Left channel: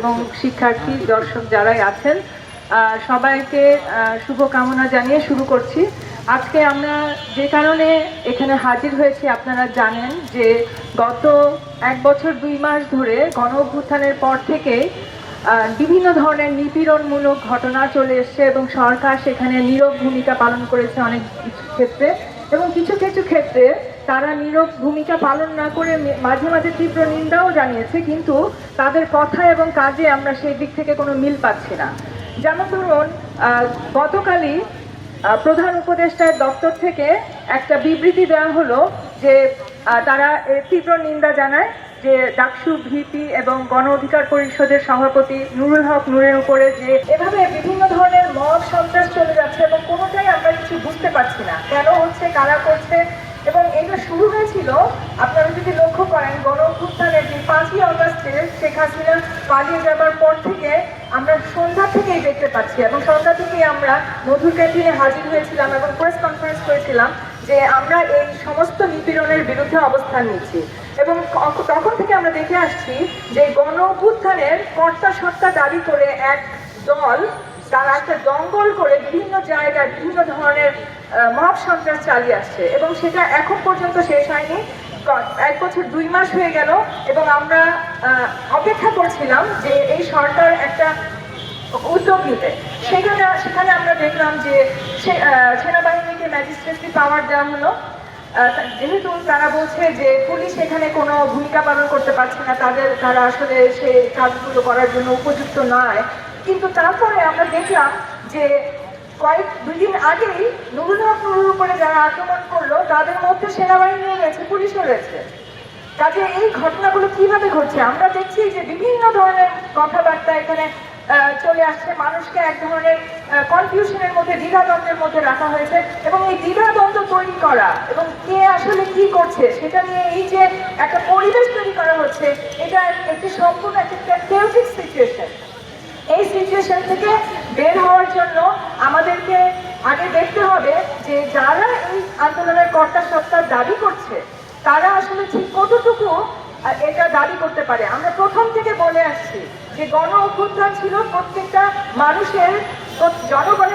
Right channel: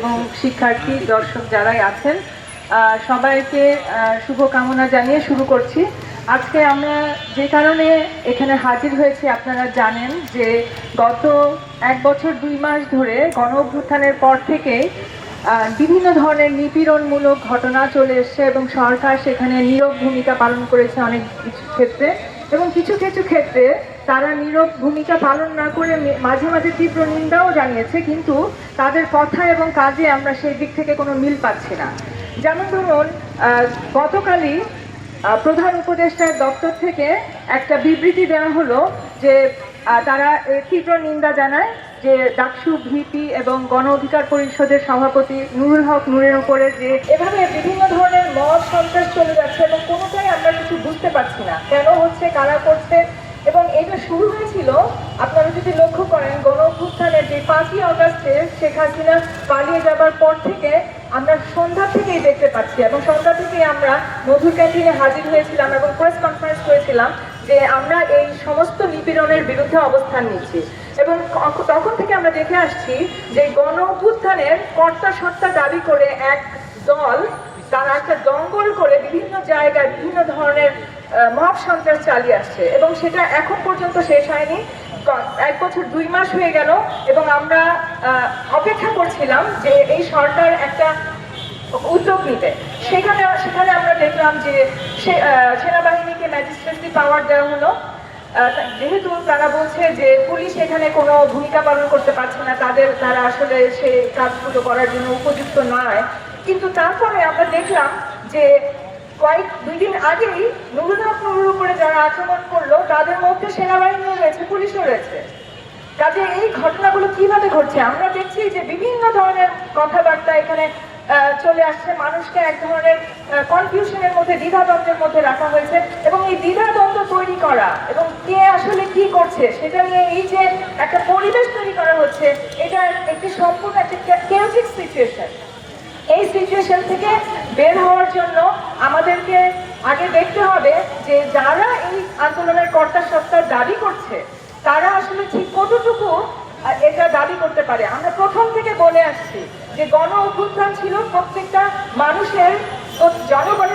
এবং শিক্ষার্থী, দর্শক যারাই আছেন সবাইকে শুভকামনা জানিয়ে শুরু করছি। আজকে আমরা যে কারণে এখানে হাজির হয়েছি, আপনারা জানেন যে গত এক বছর দুই মাস ধরে গণ অভ্যুত্থানের পর থেকেই বিভিন্ন ধরনের নিপীড়নমূলক ঘটনা চলে এসছে এবং সরকার সেখানে নীরব ভূমিকা পালন করেছে অনেক কিছু ক্ষেত্রে এবং কিছু কিছু ক্ষেত্রে তারা নীরব ভূমিকা পালন না করে মাঝে মাঝে তীব্র নিন্দাও জানিয়েছে, কিন্তু তাদের কথা এবং কাজে আমরা সেই দিক থেকে কোনো মিল পাচ্ছি না। যেমন ধরুন গতকালই প্রধান উপদেষ্টার দপ্তর থেকে একটা বিবৃতি দেওয়া হলো যে তারা তীব্র নিন্দা জানায় যে ডাকসু, ভিপি এবং গণ অধিকার পরিষদের সভাপতি নুরুল হক নুরের উপরে যে এভাবে বিভিন্ন ধরনের মব সন্ত্রাস চলে যাচ্ছে এবং কোনোটাই আমরা কিছু বুঝতে পারছি না। কেন হচ্ছে, কারা করছে শুরু হয়েছিল, আপনারা যদি লক্ষ্য করেন, গণ যে পাঁচই অগস্টে শেখ হাসিনা পালিয়ে যাবার পর থেকে আমরা সন্ধ্যা থেকেই দেখতে পাচ্ছি এবং সন্ধ্যা থেকেই আমরা মধুর ক্যান্টিনে হাজির হয়েছিলাম এবং প্রেস কনফারেন্স করেছিলাম যে আমরা এই সমস্ত নিপীড়নের বিরুদ্ধে অবস্থান নিচ্ছি। এবং তখন থেকে আমরা দেখে আসছি যে গণ অভ্যুত্থানের কর্তা সত্তা দাবি করে এক দল, তারা একটা দঙ্গল করে বিভিন্ন জায়গায় বিভিন্ন ধরনের মহাব সন্ত্রাস চালিয়ে আসছে এবং সেটা এখন পর্যন্ত শেষ হয়নি। এক বছর দুই মাস হয়ে গেল এবং আমরা অপেক্ষা করছিলাম যে এই সরকার একটা উদ্যোগ নিতে। সেখানে সেখানে আমরা দেখলাম যে সেনাবাহিনীকে ম্যাজিস্ট্রেসি পাওয়ার দেওয়া হলো। যেহেতু তারা বলছে যে পুলিশ এখানে কোনো ভূমিকা পালন করতে পারছে না, তাদের, তারা আসলে সেই কাজগুলো করার জন্য উপযুক্ত নয়। কিন্তু তারপরে আমরা দেখলাম যে কয়েক দুই দিন আগেই নুরুল উপরে যারা আক্রমণ করল, তাদের মধ্যে সেনাবাহিনী রয়েছে, পুলিশও রয়েছে। কাজে এই ঘটনাগুলো কীভাবে ঘটছে? আমরা দেখছি যে বিভিন্ন ধরনের কথাবার্তা এখানে চলে আসছে। মানুষকে এক ধরনের কনফিউশনের মধ্যে, দ্বিধাদ্বন্দ্বের মধ্যে রাখা হয়েছে এবং এই দ্বিধাদ্বন্দ্ব তৈরি করা এবং কে আসলে কি করছে, সেটা নিয়ে এই যে একটা পরিবেশ তৈরি করা হচ্ছে, এটা একটি সম্পূর্ণ একটা কেউটিক সিচুয়েশন এই সিচুয়েশন থেকে বের হওয়ার জন্য আমাদেরকে আগে দেখতে হবে যে যারা এই আন্দোলনের কর্তা সত্তার দাবি করছে, তারা আসলে ঠিক কতটুকু এটা দাবি করতে পারে। আমরা প্রথম থেকে বলে আসছি যে গণ অভ্যুত্থান ছিল প্রত্যেকটা মানুষের জনগণের